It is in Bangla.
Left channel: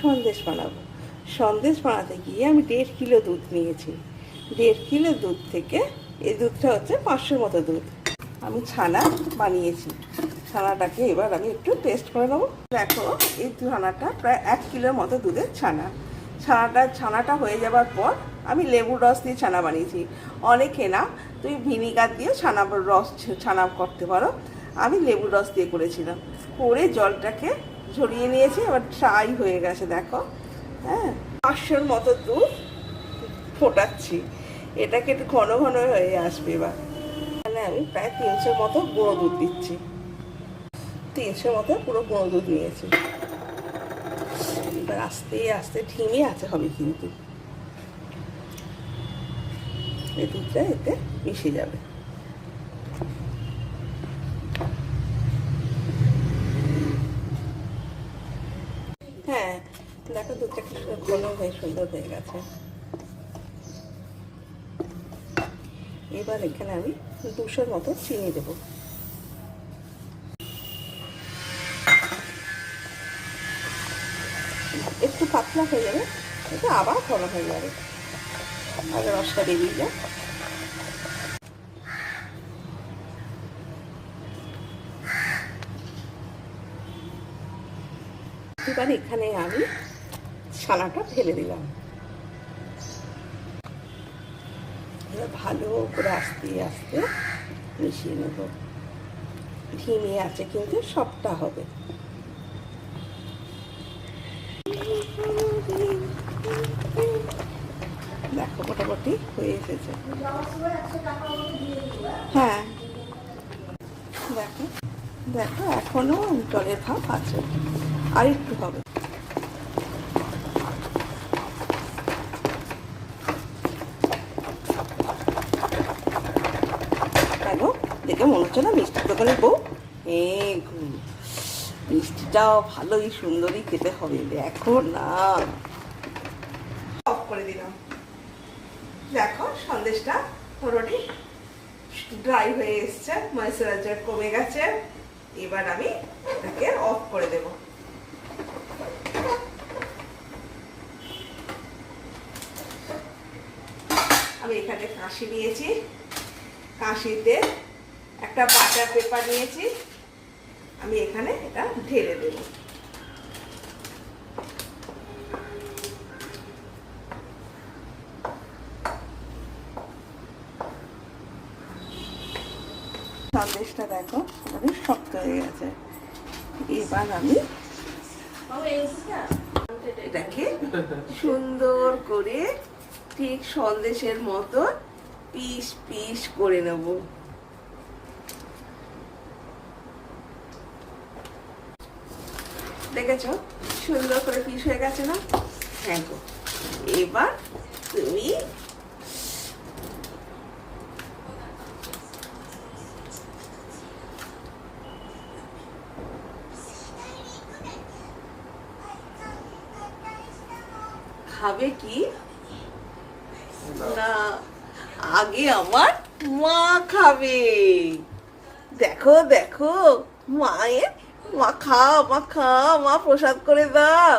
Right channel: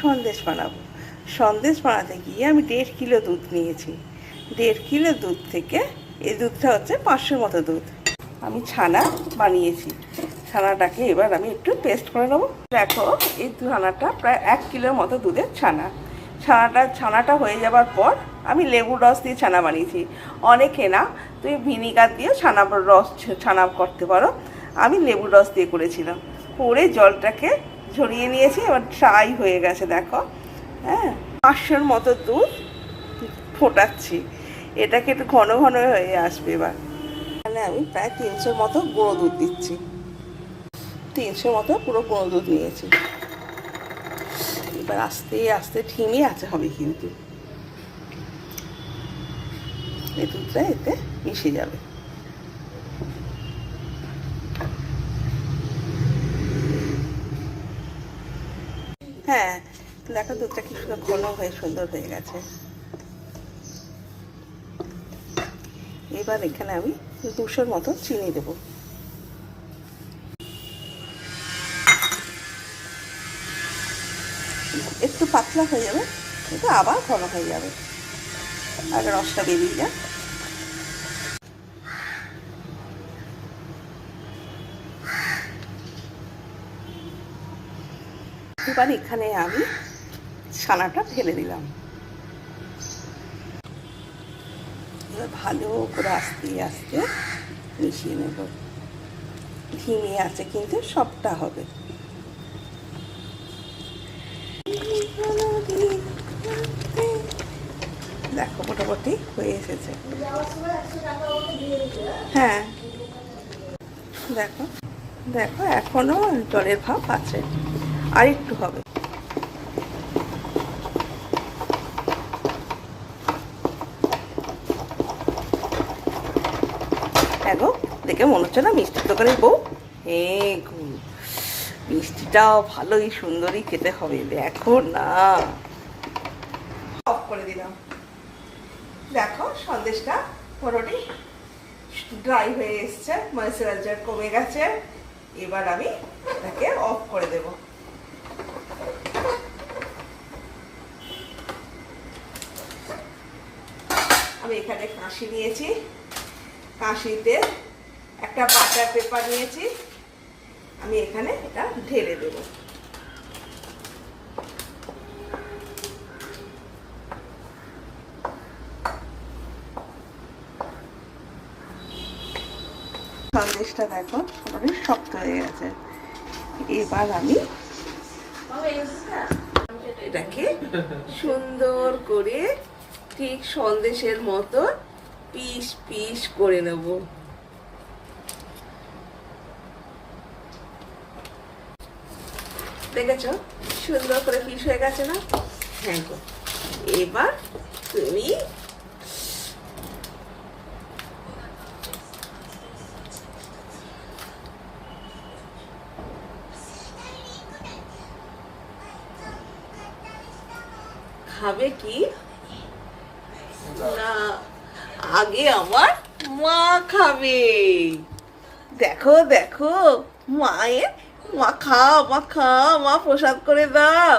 সন্দেশ বানাবো। সন্দেশ বানাতে গিয়ে আমি 1.5 কিলো দুধ নিয়েছি। 1.5 কিলো দুধ থেকে এই দুধটা হচ্ছে 500 মতো দুধ আমি ছানা বানিয়েছি। ছানাটাকে এবার আমি একটু পেস্ট করে নেবো। দেখো এই ছানাটা প্রায় 1 কিলোর মতো দুধের ছানা। ছানাটা হয়ে যাবার পর আমি লেবুর রস দিয়ে ছানা বানিয়েছি। অনেকে না তুমি ভিনিগার দিয়ে ছানা করতে পারো, আমি লেবুর রস দিয়ে করেছিলাম। করে জলটাকে ঝরিয়ে নিয়েছি, এবার ট্রাই হয়ে গেছে দেখো। হ্যাঁ, 500 মতো দুধ ফোটাচ্ছি, এটাকে একটু ঘন ঘন হয়ে আসবে। এবার এখানে আমি প্রায় 300 মতো গুঁড়ো দুধ দিচ্ছি। 300 মতো পুরো গুঁড়ো দুধ নিয়েছি। এবার আস্তে আস্তে ঠিমে আছে হবে, কিন্তু এই দুধটা এতে মিশে যাবে। হ্যাঁ দেখো দুধটা কি সুন্দর ঘন হয়ে সুন্দর হয়ে গেছে। এবার এখানে আমি 200 মতো চিনি দেবো। একটু পাতলা হয়ে যাবে, এটা আবার ঘন হয়ে যাবে, আগে রসটা বেরিয়ে যায়। এবার এখানে আমি ছানাটা ঢেলে দিলাম। এবার ভালো করে আস্তে আস্তে মিশিয়ে নেব। ধিমে আছে কিন্তু সবটা হবে। দেখো মোটামুটি হয়ে এসেছে। হ্যাঁ দেখো দেখো এখনো জলের ভাব আছে, আর একটু হবে। দেখো দেখে মনে হচ্ছে না মিষ্টির দোকানের বউ। মিষ্টিটাও ভালোই সুন্দরই খেতে হবে, দেখো না। অফ করে দিলাম। দেখো সন্দেশটা পুরোটি ড্রাই হয়ে এসছে, ময়েশ্চারাইজার কমে গেছে। এবার আমি এটাকে অফ করে দেব। আমি এখানে কাঁশি নিয়েছি, কাঁশিতে একটা বাটার পেপার নিয়েছি, আমি এখানে এটা ঢেলে দেব। সন্দেশটা দেখো অনেক শক্ত হয়ে গেছে। এবার আমি এটাকে সুন্দর করে ঠিক সন্দেশের মতো পিস পিস করে নেব। দেখেছো সুন্দর করে পিস হয়ে গেছে না? হ্যাঁ গো। এবার তুমি খাবে কি না, আগে আমার মা খাবে। দেখো দেখো মায়ের, মা খা মা খা, মা প্রসাদ করে দাও।